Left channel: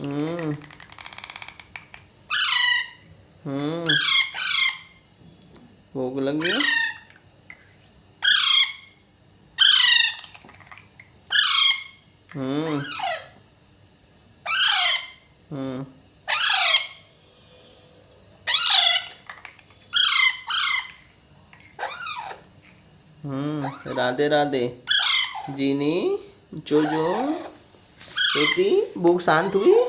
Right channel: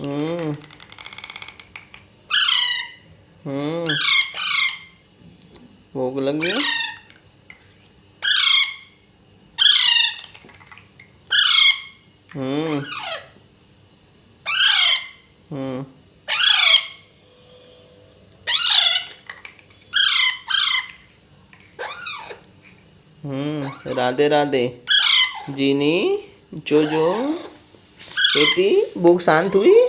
हम्म। हम्म। भूख लगी। हम्म। हम्म। राधे राधे। जीनी, जोजो, बेटी भूख शांत हुई।